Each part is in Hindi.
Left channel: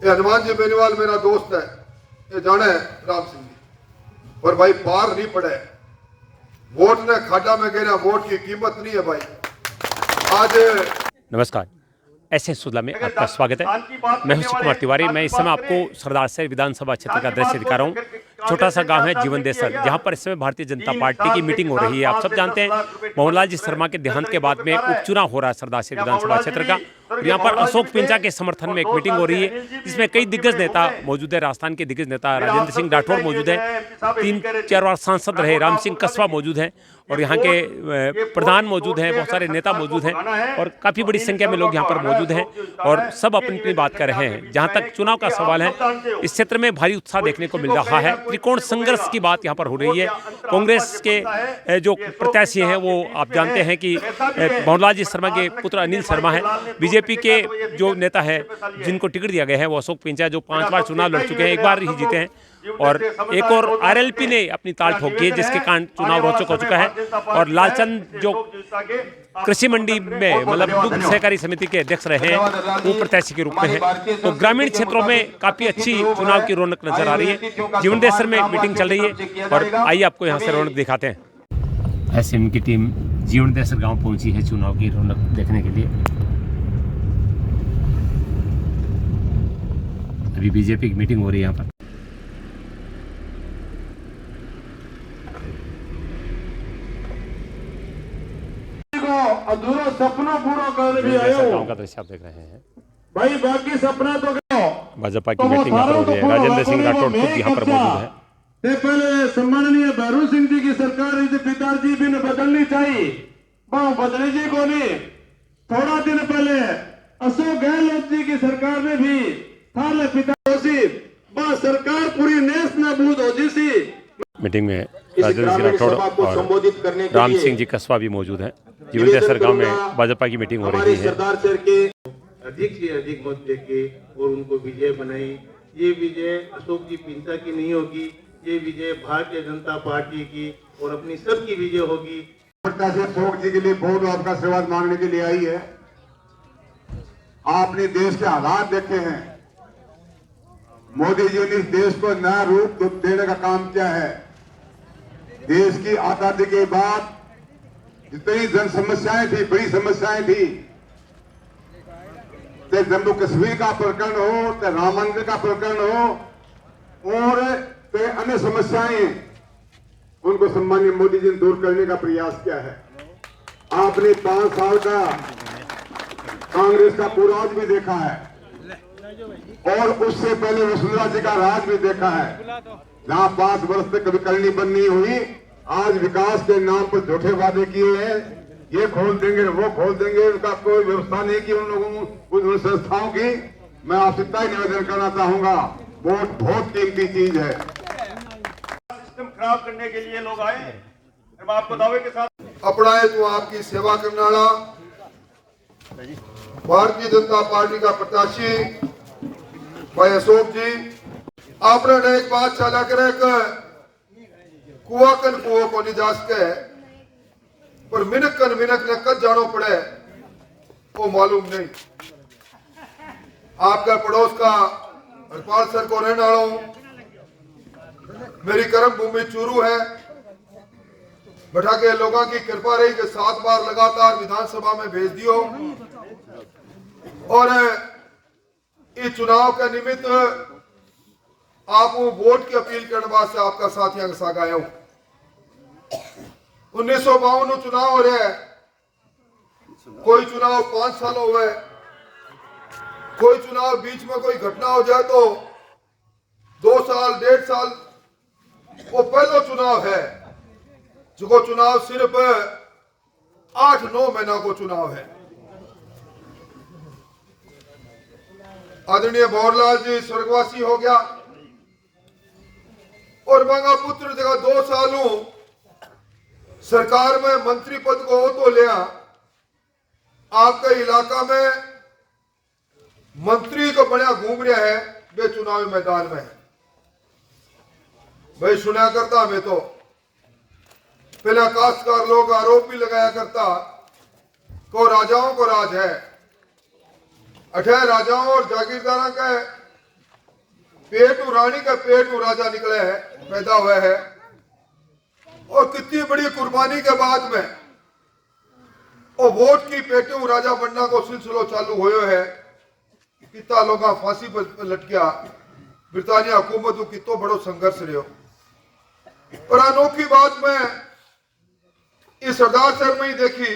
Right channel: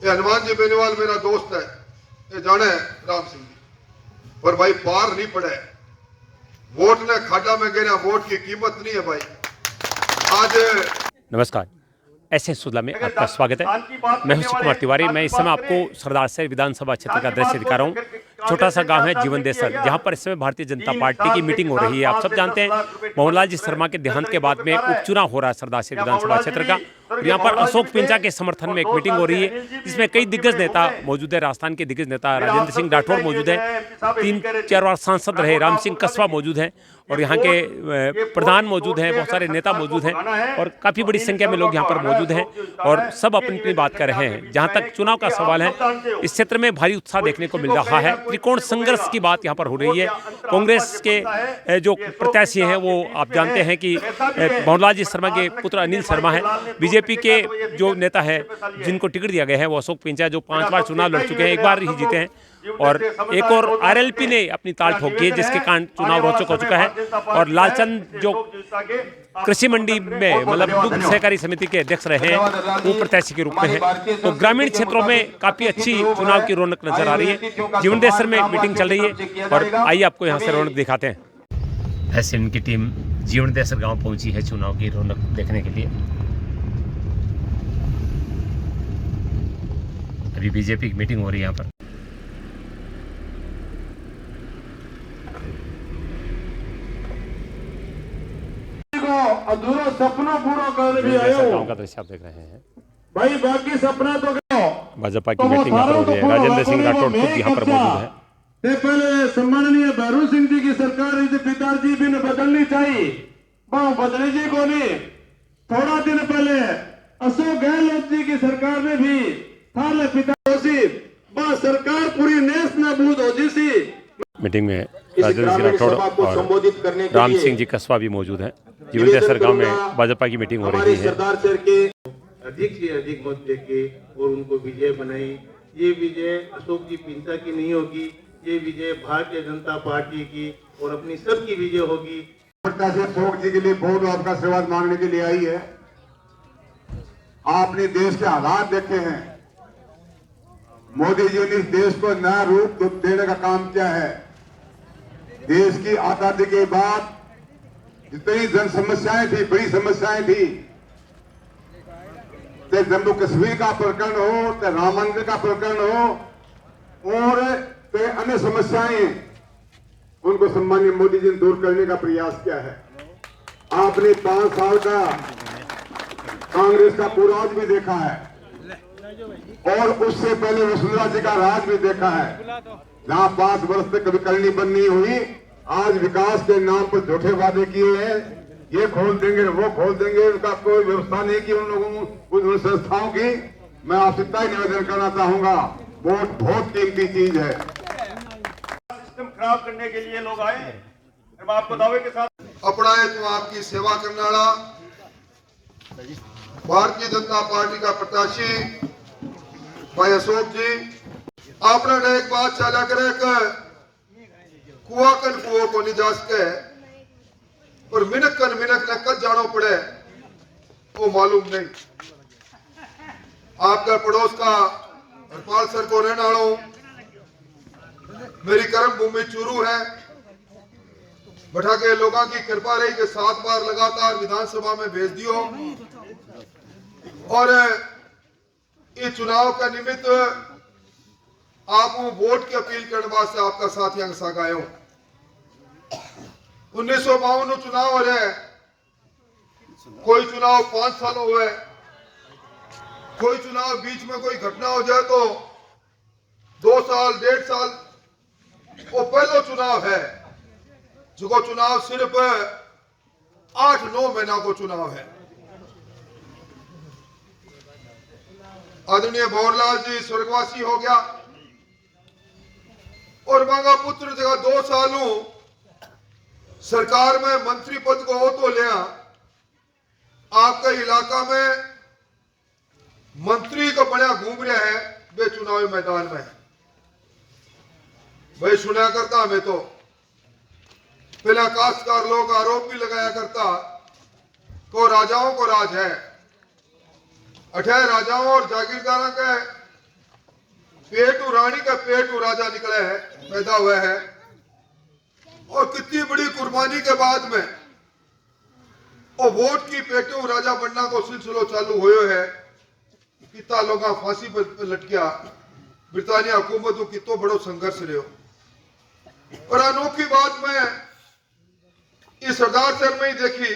ये हनुमान जी बेनीवाल मेरा दोस्त है, ये जाने राम सिंह जी। और भाई पार नहीं पड़े, वोट ने खाड़ा में गिरा, वोट की कीमत नहीं है भाई आज। नमस्कार, ऐसे सुधला में आपका स्वागत है। मैं हूं शिव कुमार तिवारी। मैं इस समय आपको सरदार शहर विधानसभा क्षेत्र का दृश्य दिखा रहा हूं। छोटा सा गांव है जीवन देसर, जहां पर इस समय भारतीय जनता पार्टी की मीटिंग हो रही है। आप सब जानते हैं मोहनलाल जी शर्मा के देहांत के बाद में उपचुनाव हो रहा है सरदार शहर विधानसभा क्षेत्र का। और यहाँ पर अशोक पिंचा के समर्थन में एक मीटिंग हो रही है, जिसमें कई दिग्गज नेता मौजूद है। राजस्थान के दिग्गज नेता राजेंद्र सिंह राठौड़ मौजूद है, 3-4 बार सांसद रहे राम सिंह कस्बा मौजूद हैं, और यहाँ के प्रधान मौजूद हैं, बहुत सारे नेता मौजूद हैं, और काफ़ी बड़ी संख्या में लोग यहाँ पर मौजूद हैं और सब अपनी अपनी बात कर रहे हैं। जहाँ तक चुनाव का सवाल है, इस क्षेत्र में भारी उत्साह देखने को मिल रहा है। त्रिकोण संघर्ष की बात यहाँ पर हो रही है। कांग्रेस के जो प्रत्याशी हैं वो आप जानते हैं कि मोहनलाल जी शर्मा के पुत्र अनिल शर्मा हैं। बीजेपी के जो नेता है जिनको टिकट दिया गया है वो अशोक पिंचा, जो 5 बार चुनाव लड़ चुके हैं, एक बार ही जीते हैं, और एक और आरएलपी ने अपनी ताल ठोकी है, जिसके कारण चुनाव रोचक हो चुका है। और लालचंद जो कृषि मंडी में मतलब दुग्ध सहकारी समिति के अध्यक्ष रहे हैं, वो प्रत्याशी के रूप में है। तो ग्रामीण क्षेत्रों में काफी अच्छी चुनाव की रौनक नजर आ रही है। जीवन देसर में मीटिंग चल रही है और आइए आपको यहाँ से रौनक दिखाते हैं। ऐसे इनकी टीम जीवन देसर गाँव पहुंची है चुनाव की रौनक देखने के लिए। अभी बीजेपी की मीटिंग हो रही है यहाँ पर। अधूरा सपना पूरा करने भी आए हो। गांव का दृश्य आप देख रहे हैं भाई, बाकी सपना तो भाजपा की मीटिंग यहाँ पर हो रही है। राजेंद्र सिंह राठौड़ खुद यहाँ पर मौजूद है। पहले सम्माननीय भैरू सिंह जी की सरकार पिताजी भी बदलनी चाहिए, बदली जी को नहीं। थोड़ा दिन पहले अशोक गहलोत जी की सरकार ने भी थाले पिता सरकार पूरी नेस नाबूद हो जी। मीटिंग में राजेंद्र सिंह राठौड़ और राम सिंह जी कस्बा भी मौजूद हैं। जीवन देसर गांव में भाजपा की मीटिंग हो रही है। सरदार शहर के अधिक से अधिक मत देके और उनको विजय बनाई। ये विजय अशोक जी पिंचा की नहीं होगी, ये विजय भारतीय जनता पार्टी की और अपनी सबकी विजय होगी। अशोक जी के लिए बहुत आपका आशीर्वाद मांगने के लिए आई है। आपने देश के हालात देखे हैं, मोदी जी ने इस देश को नया रूप देने का काम किया है। देश की आजादी के बाद जितनी जन समस्याएं थी, बड़ी समस्याएं थी, चाहे जम्मू कश्मीर का प्रकरण हो, चाहे राम मंदिर का प्रकरण हो, और चाहे अन्य समस्याएं, उनको सम्मानीय मोदी जी ने दूर करने का प्रयास किया है। आपने 5 साल का कांग्रेस का पूर्वाज भी देखा है और उससे पहले वसुंधरा जी का राज भी देखा है, जहां 5 वर्ष तक कभी करनी बननी हुई। आज विकास के नाम पर झूठे वादे किए हैं, ये खोल देंगे वो खोल देंगे, उनका कोई व्यवस्था नहीं की उन लोगों उन संस्थाओं की। मैं आपसे तय निवेदन करना चाहूंगा, वोट बहुत कीमती चीज है। सिस्टम खराब करने के लिए लोग आए, मैं आपको दावे के साथ अपना है तो आपकी सेवा करने वाला भारतीय जनता पार्टी का प्रत्याशी भाई अशोक जी, आपने एक बात चला करे कुआ कन कुओं को नहीं जा सके, पर मिनक कन मिनक ने कद जानो पड़े वो मालूम नहीं। आपका पड़ोस का हरपाल सर को रहने वाला हूं, मेरी कर्म भूमि चूरू है। बैठा के लोगों की कृपा रही कि 7 बार लगातार विधानसभा में भेज दियो, और इस चुनाव का निमित्त आप वोट की अपील करने वास्ते आपका साथियों के साथ आया हूं। 1952 चुनाव हो रहे, कोई चुनाव 5 साल हुए, कोई चुनाव बीच में कोई घटना हो जाए तो 2 साल 1.5 साल, वो पहला चुनाव है जो चुनाव सिर्फ 8-9 महीना को चुनाव है। आदरणीय भंवरलाल जी स्वर्गवासी हो गया और मांगा पुत्र जगह 2 सालों सरकार में मंत्री पद को हो तो लिया। आपके इलाका में मंत्री को बड़ा घूम रहा है, वे चुनावी मैदान में है। भाई सुना करता हमें तो पहले काश्तकार लोग आरोप भी लगाया करता को राजाओं को राज है, 18 राजाओं और जागीरदारों का पेटू रानी का पेटू राजा निकला है, पैदा हुआ है। और कितनी बड़ी कुर्बानी के बाद में और वोट की पेटू राजा बनना को सिलसिलो चालू हुए है। कितना लोग फांसी पर लटकिया, ब्रिटानिया हुकूमत को कितो बड़ो संघर्ष रहो। और अनोखी बात मैं इस सरदार शहर में ही देखी,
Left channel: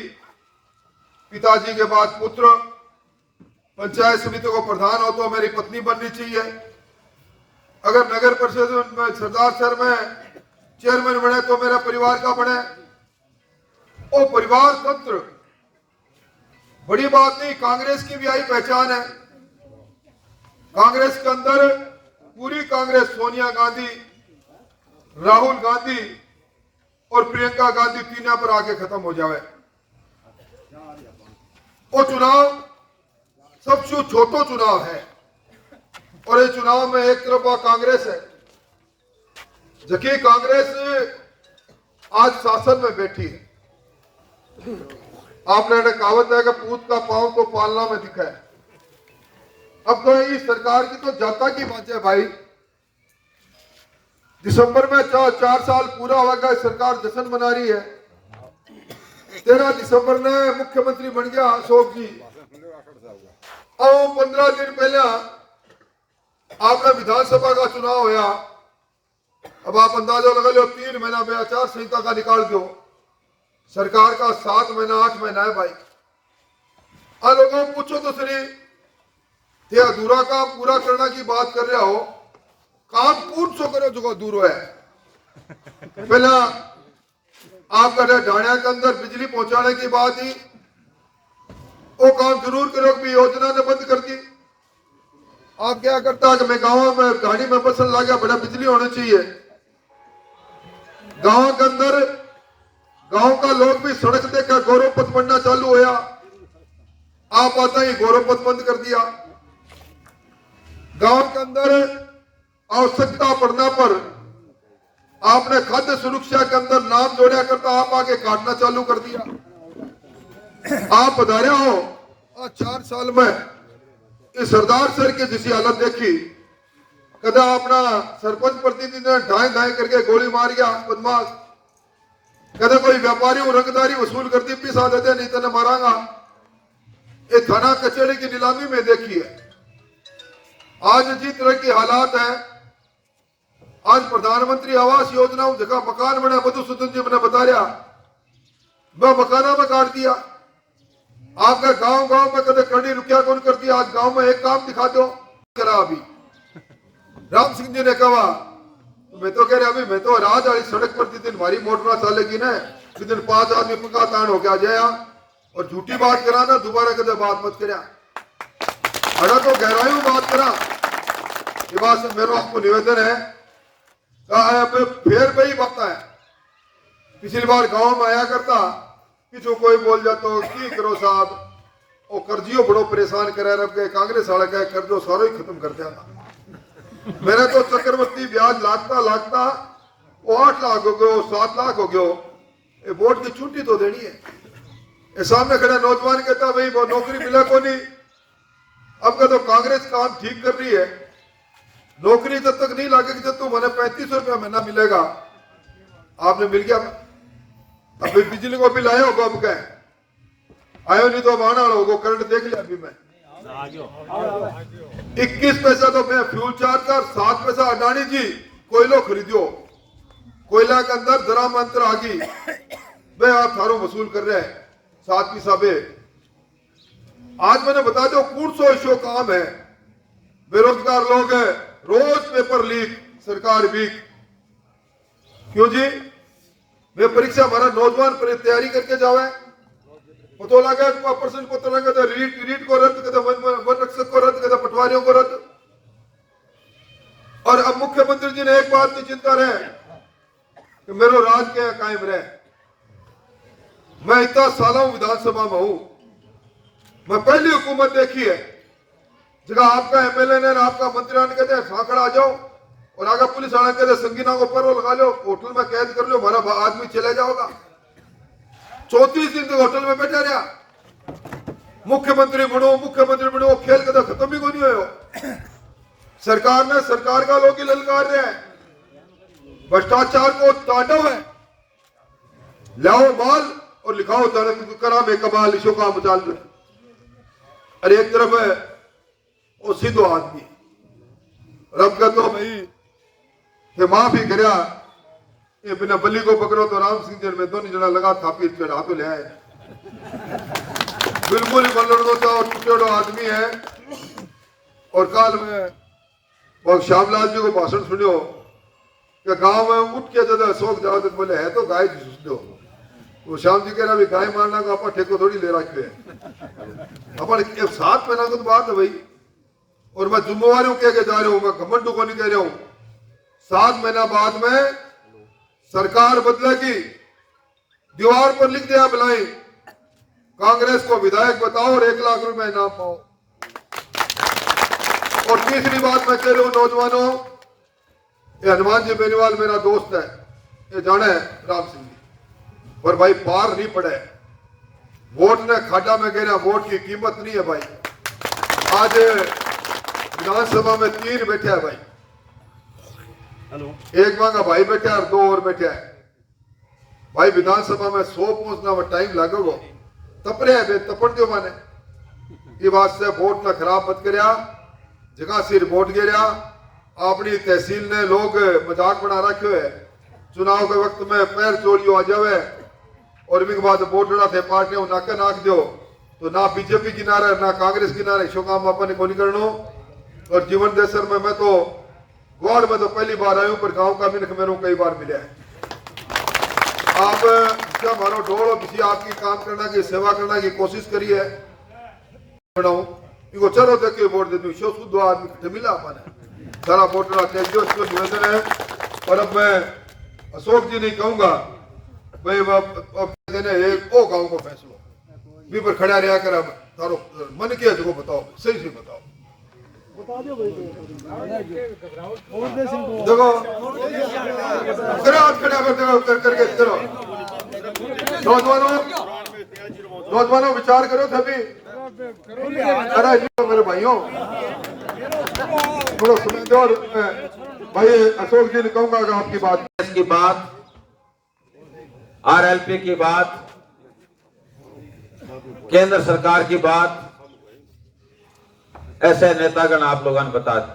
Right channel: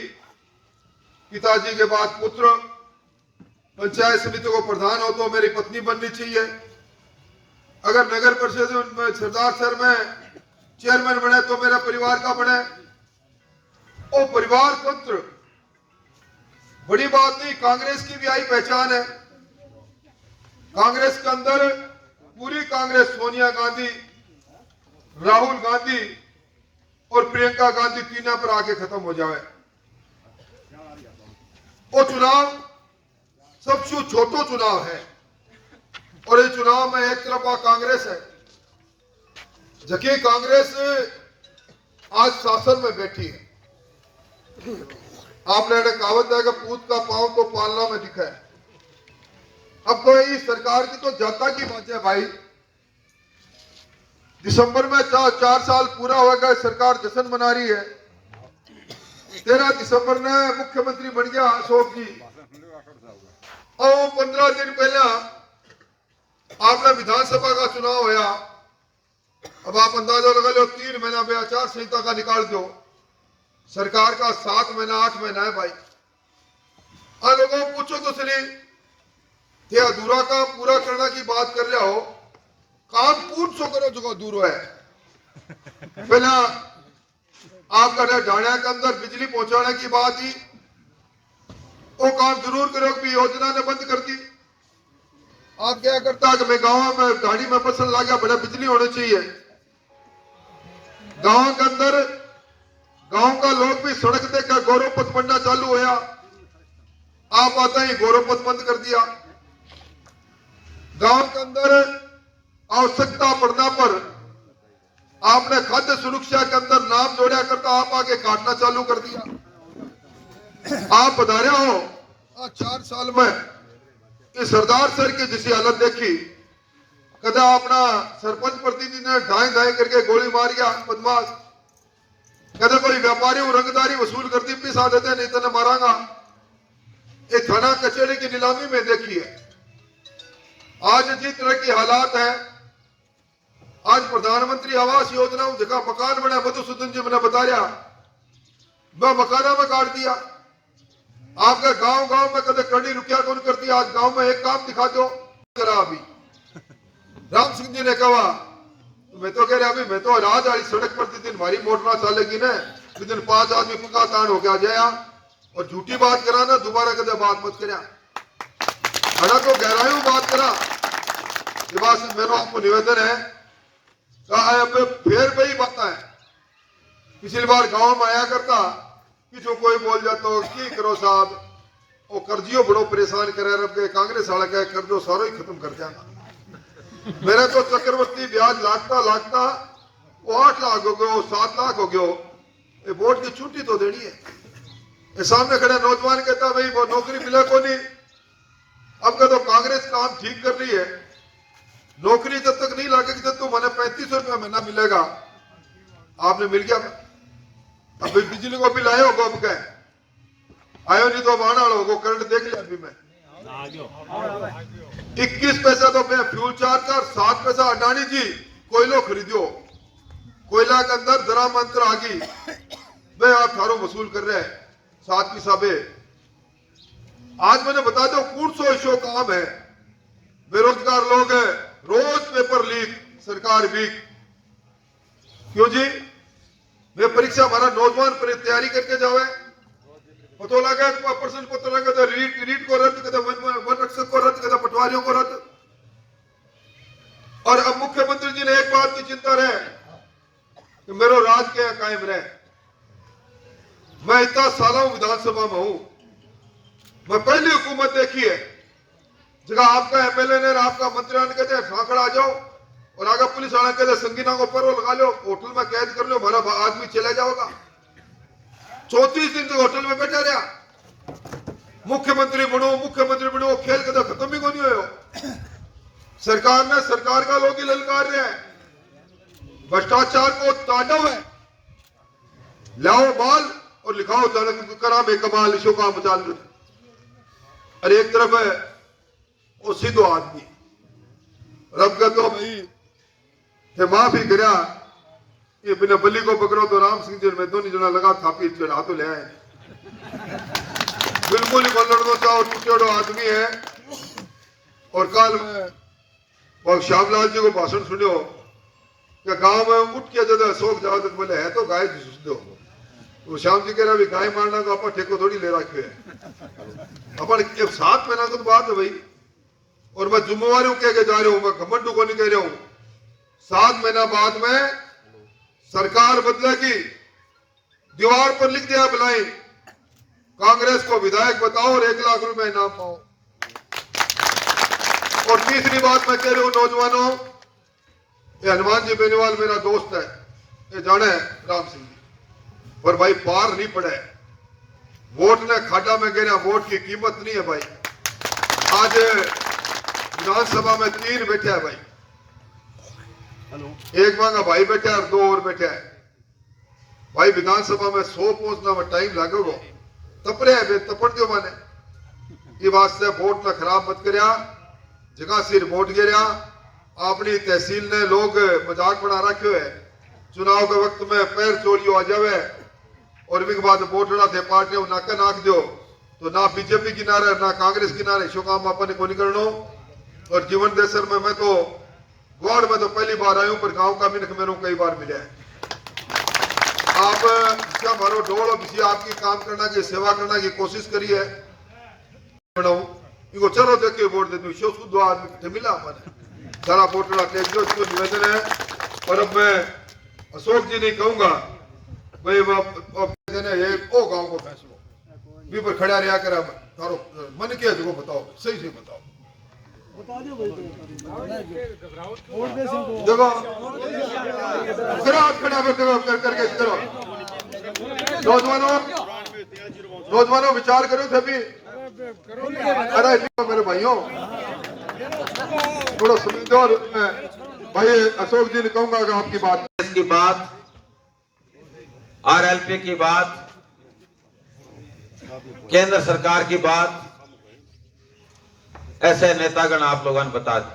पिताजी के बाद पुत्र पंचायत समिति को प्रधान हो तो मेरी पत्नी बननी चाहिए। अगर नगर परिषद में सरदार शहर में चेयरमैन बने तो मेरा परिवार का बने। और परिवार तंत्र बड़ी बात नहीं, कांग्रेस की भी आई पहचान है। कांग्रेस के अंदर पूरी कांग्रेस सोनिया गांधी, राहुल गांधी और प्रियंका गांधी तीनों पर आके खत्म हो जावे। और चुनाव सबसे छोटो चुनाव है और ये चुनाव में एक तरफ कांग्रेस है, जबकि कांग्रेस आज शासन में बैठी है। आपने कहावत है कि पूत का पांव तो पालना में दिखा है। अब तो इस सरकार की तो जाता की बात है भाई। दिसंबर में 4 साल पूरा होगा, सरकार जश्न मना रही है। 13 दिसंबर ने मुख्यमंत्री बन गया अशोक जी, और 15 दिन पहले आपने विधानसभा का चुनाव होया। अब आप अंदाजा लगा लो, 3 महीना में आचार संहिता का निकाल दो, सरकार का 7 महीना 8 महीना है भाई। लोगों को पूछो तो सही, ये अधूरा काम पूरा करने की बात कर रहे हो, काम पूर्ण सो करो जो अधूरो है। पहला आपका ढाणिया के अंदर बिजली पहुंचाने की बात ही, वो काम जरूर करो कि योजना ने बंद कर दी। आप क्या करता है कि मैं गांव में गाड़ी में फसल ला गया, बड़ा बिजली होनी चाहिए। गांव के अंदर गांव का लोग भी सड़क देखकर गौरव पथ बनना चालू होया। आप आता ही गौरव पथ बंद कर दिया। गांव के अंदर आवश्यकता पड़ने पर आपने खाद्य सुरक्षा के अंदर नाम जोड़ा करता, आप आगे काटना चालू कर दिया। आप बता रहे हो 4 साल में इस सरदार सर की जिसी हालत देखी, कदा अपना सरपंच प्रतिनिधि ने ढाई करके गोली मार गया बदमाश, कदा कोई व्यापारी रंगदारी वसूल करती पिसा देते नहीं तो मारांगा। ये थाना कचहरी की नीलामी में देखी है। आज जिस तरह की हालात है, आज प्रधानमंत्री आवास योजना जगह मकान बने, मधुसूदन जी मैंने बता रहा, मैं मकाना में काट दिया। आपका गांव में कदे कड़ी रुकिया कौन करती, आज गांव में एक काम दिखा दो करा। अभी राम सिंह जी ने कहा, तो मैं तो कह रहा अभी मैं तो राज वाली सड़क पर जिस दिन भारी मोटर चलेगी ना, जिस दिन 5 आदमी पका तान हो गया जाया और झूठी बात करा ना, दोबारा कदे बात मत करा। अरे तो गहराई में बात करा। ये बात से मेरा आपको निवेदन है, फिर वही बात है। पिछली बार गांव में आया करता, पिछो कोई बोल जाता हो की करो साहब, और कर्जियों बड़ो परेशान करे, रब के कांग्रेस वाला कहे कर्जो सारो ही खत्म कर देगा। मेरा तो चक्रवर्ती ब्याज लागता वो 8 लाख हो गयो, 7 लाख हो गयो। ये वोट की छुट्टी तो देनी है। ये सामने खड़ा नौजवान कहता भाई वो नौकरी मिला को नहीं। अब का तो कांग्रेस काम ठीक कर रही है, नौकरी जब तक नहीं लगेगी जब तो मैंने 3500 रुपया महीना मिलेगा। आपने मिल गया, अभी बिजली को बिल आयो गो, अब आयो नहीं तो आना होगा, करंट देख लिया अभी मैं 21 पैसा तो मैं फ्यूल चार्ज का, 7 पैसा अडानी जी कोयलो खरीदो, कोयला के अंदर जरा मंत्र आ गई, मैं आप थारो वसूल कर रहे हैं 7 पैसा बे। आज मैंने बता दो 100 इशो काम है, बेरोजगार लोग हैं, रोज पेपर लीक, सरकार वीक। क्यों जी? वे परीक्षा हमारा नौजवान पर तैयारी करके जावे, पता लगा पर्सन पता लगा तो रीट को रद्द कर, वन रक्षक को रद्द कर, पटवारियों को रद्द। और अब मुख्यमंत्री जी ने एक बात की चिंता रहे कि मेरा राज क्या कायम रहे। मैं इतना सालों विधानसभा में हूं, मैं पहली हुकूमत देखी है जगह आपका एमएलए ने आपका मंत्री ने कहते खाखड़ा आ जाओ और आगे पुलिस वाला कहते संगीना को पर लगा लो, होटल में कैद कर लो, हमारा आदमी चला जाओगा। 34 दिन तक होटल में बैठा रहा। मुख्यमंत्री बनो खेल कदा खत्म ही कोई नहीं हो। सरकार में सरकार का लोग ही ललकार रहे हैं, भ्रष्टाचार को तांडव है, लाओ माल और लिखाओ करा में कमाल शो का मचाल लो। और एक तरफ है वो सीधो आदमी, रब का तो भाई ये माफी करा, ये बिना बल्ली को पकड़ो तो राम सिंह जी में दोनों जना लगा थापी चढ़ा तो ले आए, बिल्कुल ही बल्लड़ो चाहो टूटेड़ो आदमी है। और कल में वो श्यामलाल जी को भाषण सुनियो कि गांव में उठ के जब अशोक जाओ तो बोले है तो गाय दो, तो श्याम जी कह रहा भी गाय मारना को आप ठेको थोड़ी ले रखे है, अपन एक 7 महीना की बात है भाई। और मैं जिम्मेवारियों कह के जा रहा हूं, मैं घमंड को नहीं कह रहा हूं। 7 महीना बाद में सरकार बदलेगी, दीवार पर लिख दिया बिलाई कांग्रेस को विधायक बताओ और 1 लाख रुपए इनाम पाओ। और तीसरी बात मैं कह रहा हूं नौजवानों, ये हनुमान जी बेनीवाल मेरा दोस्त है, ये जाने राम सिंह जी, पर भाई पार नहीं पड़े, वोट ने खाड़ा में गिरा, वोट की कीमत नहीं है भाई। आज विधानसभा में 3 बैठे हैं भाई, एक मांगा भाई बैठा है और 2 और बैठे हैं भाई। विधानसभा में 100 पहुंचना में टाइम लगेगा, तपरे है तपड़ दो माने, ये वास्ते वोट ना खराब मत करिया, जगह सिर वोट गिरा। अपनी तहसील ने लोग मजाक बना रखे है, चुनाव के वक्त में पैर चोरियो आ जावे और इनके बाद वोटड़ा थे पार्टियों नाका नाक दो, तो ना बीजेपी किनारे ना कांग्रेस किनारे, शो काम अपन को नहीं करनो। और जीवन देसर में मैं तो गौड़ में तो पहली बार आया हूं, पर गांव का मिनख मेरे कई बार मिला है। आप क्या मारो डोड़ किसी आपकी काम करना की सेवा करना की कोशिश करी है, इनको चलो देख के वोट दे दूं, शो शुद्ध आदमी कट्ठे मिला अपन सारा वोटड़ा टेक दो, इसको निवेदन है। पर अब मैं अशोक जी नहीं कहूंगा भाई, एक ओ गांव को फैसलो भी पर खड़ा रहा करा, तारो मन के जो बताओ, सही से बताओ, देखो खड़ा करके करो। नौजवानों विचार करो सभी, अरे मेरे भाइयों थोड़ा समय दो। और भाई अशोक जी ने कहूंगा कि आपकी बात RLP की बात, केंद्र सरकार की बात, ऐसे नेतागण आप लोगों ने बता दी।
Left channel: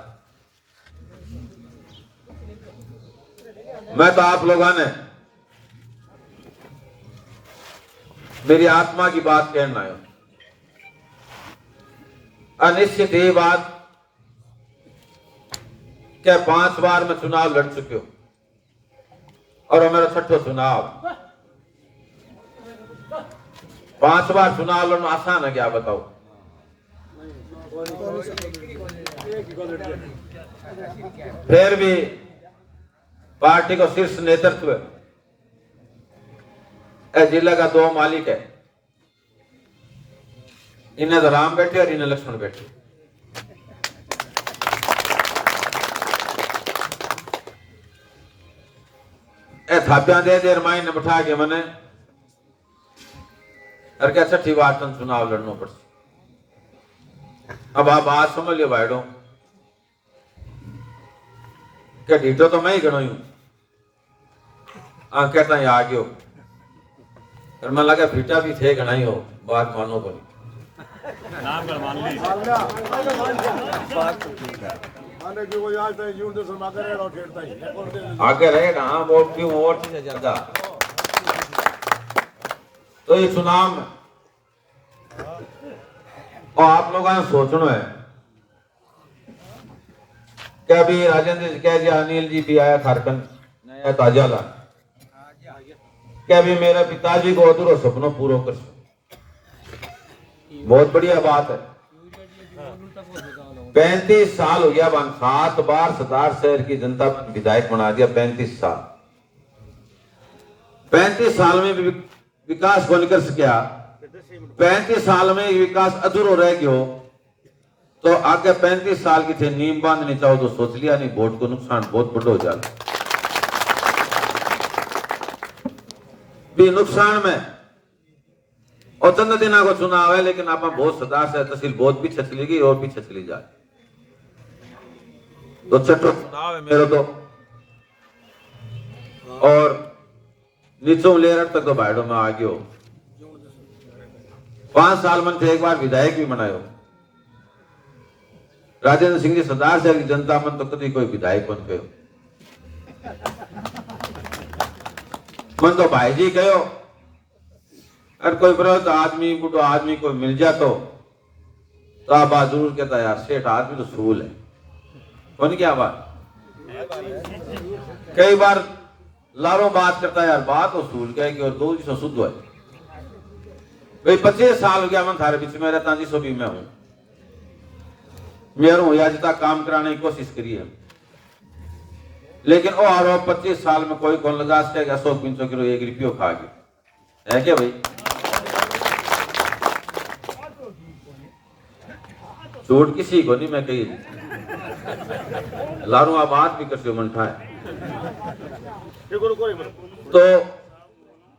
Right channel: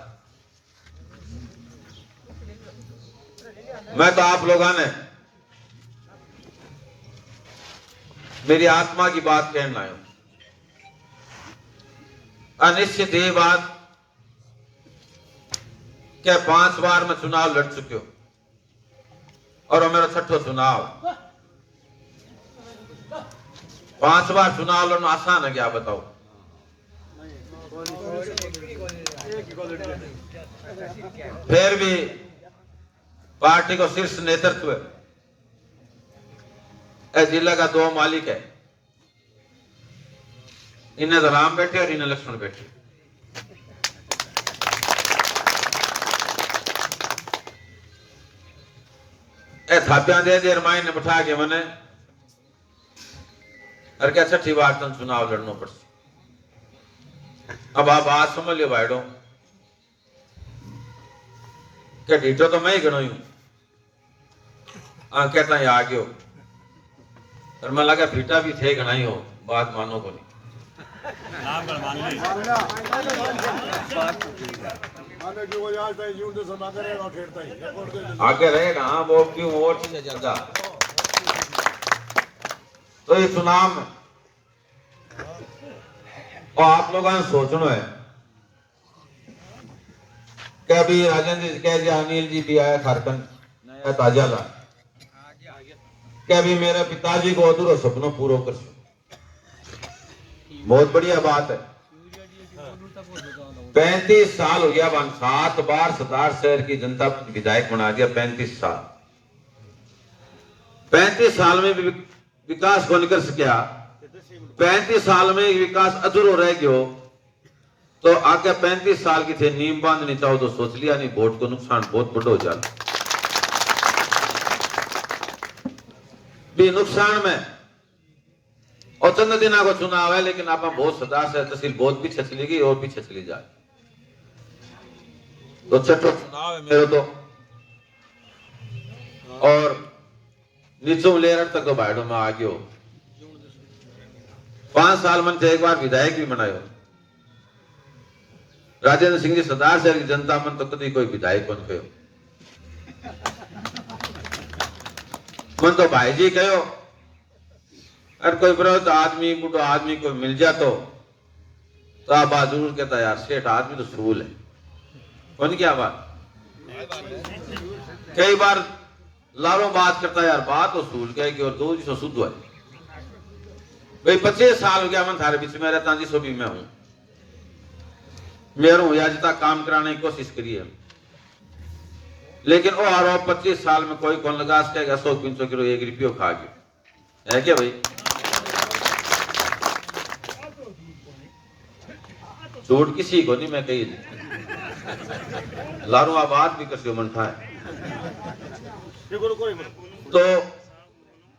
मैं तो आप लोगों ने मेरी आत्मा की बात कहना है। अनिश्चित ये बात क्या 5 बार मैं चुनाव लड़ चुके हो और वो मेरा 6ठो चुनाव। 5 बार चुनाव लड़ना आसान है क्या बताओ? फिर भी पार्टी को शीर्ष नेतृत्व जिला का 2 मालिक है, इन्हें तो राम बैठे और इन्हें लक्ष्मण बैठे। थापियां दे दिया रामायण ने बिठा के मैंने और क्या 6ठी बार तुम चुनाव लड़ना पड़ता। अब आप बात समझ लो भाईडो, क्या ढीटो तो मैं ही गणो हूं, कहता है आ गयो, और मैं लगा भीटा भी थे गणा ही हो, बात मानो को नहीं आगे रहे ना, वो क्यों और चीजें ज्यादा। तो ये चुनाव में और आप लोगों ने सोचना है कि अभी राजेंद्र जी कह दिया, अनिल जी भी आया झारखंड नया ताजा ला, कि अभी मेरे पिताजी को अधूरा सपनों पूरा कर, बहुत बढ़िया बात है। 35 साल हो गया, 7 बार सरदार शहर की जनता विधायक बना दिया। 35 साल, 35 साल में भी विकास को निकल सकिया। 35 साल में विकास अधूरो रह गयो, तो आगे 35 साल की थे नींव बांधनी चाहो तो सोच लिया नहीं, वोट को नुकसान बहुत बड़ा हो जाता। भी नुकसान में और चंद दिना को चुनाव है, लेकिन आप बहुत सदा से तहसील बहुत पीछे चली गई और पीछे चली जाए। तो छठो चुनाव है मेरे तो, और नीचों लेर तक तो भाड़ो में आ गयो। 5 साल मन थे, एक बार विधायक भी बनायो। राजेंद्र सिंह जी सरदार शहर की जनता मन तो कभी कोई विधायक बन गयो। मन तो भाई जी कहो, अरे कोई बड़ा आदमी बुढ़ो आदमी को मिल जातो तो आप बात जरूर कहता यार सेठ आदमी तो सूल है। कौन क्या बात, कई बार लारों बात करता यार बात तो सूल कहेगी और 2 दिन शुद्ध है। भाई 25 साल हो गया मैं थारे बीच में रहता जी, सोटी में हूं मेरे हूं या जितना काम कराने की कोशिश करी है, लेकिन वो आरोप 25 साल में कोई कौन लगा सके 100-500 किलो 1 रुपये खा गया है क्या भाई? झूठ किसी को नहीं, मैं कही लारू बात भी कर मन था। तो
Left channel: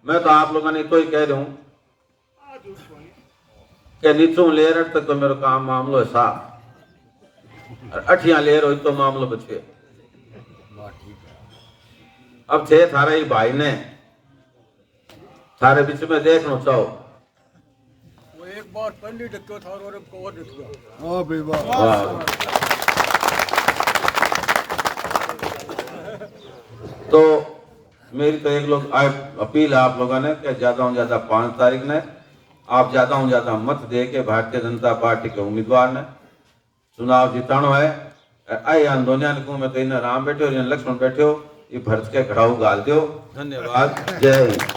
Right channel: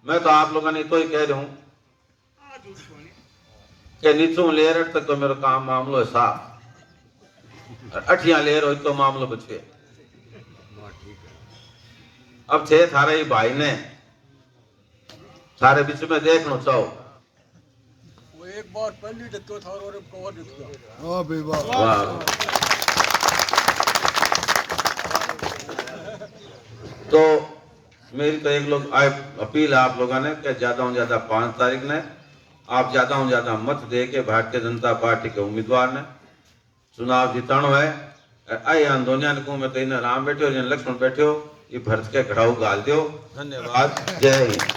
मैं तो आप लोगों ने तो ही कह रहा हूं कि नीचों लेयर तक तो मेरा काम मामलो है साफ, और 8 लेयर हो तो मामलो बचे। अब थे थारे ही भाई ने थारे बीच में देखना चाहो, वो एक बार पहले देखो था और अब कवर देखो। हाँ भाई वाह। तो मेरी तो एक लोग अपील है आप लोगों ने कि ज्यादा से ज्यादा 5 तारीख ने आप ज्यादा से ज्यादा मत दे के भारतीय जनता पार्टी के उम्मीदवार ने चुनाव जितानो है। आई आंदोलन को मैं तो इन राम बैठे हो लक्ष्मण बैठे हो, ये भरत के घड़ाऊ गाल दो। धन्यवाद, जय हिंद।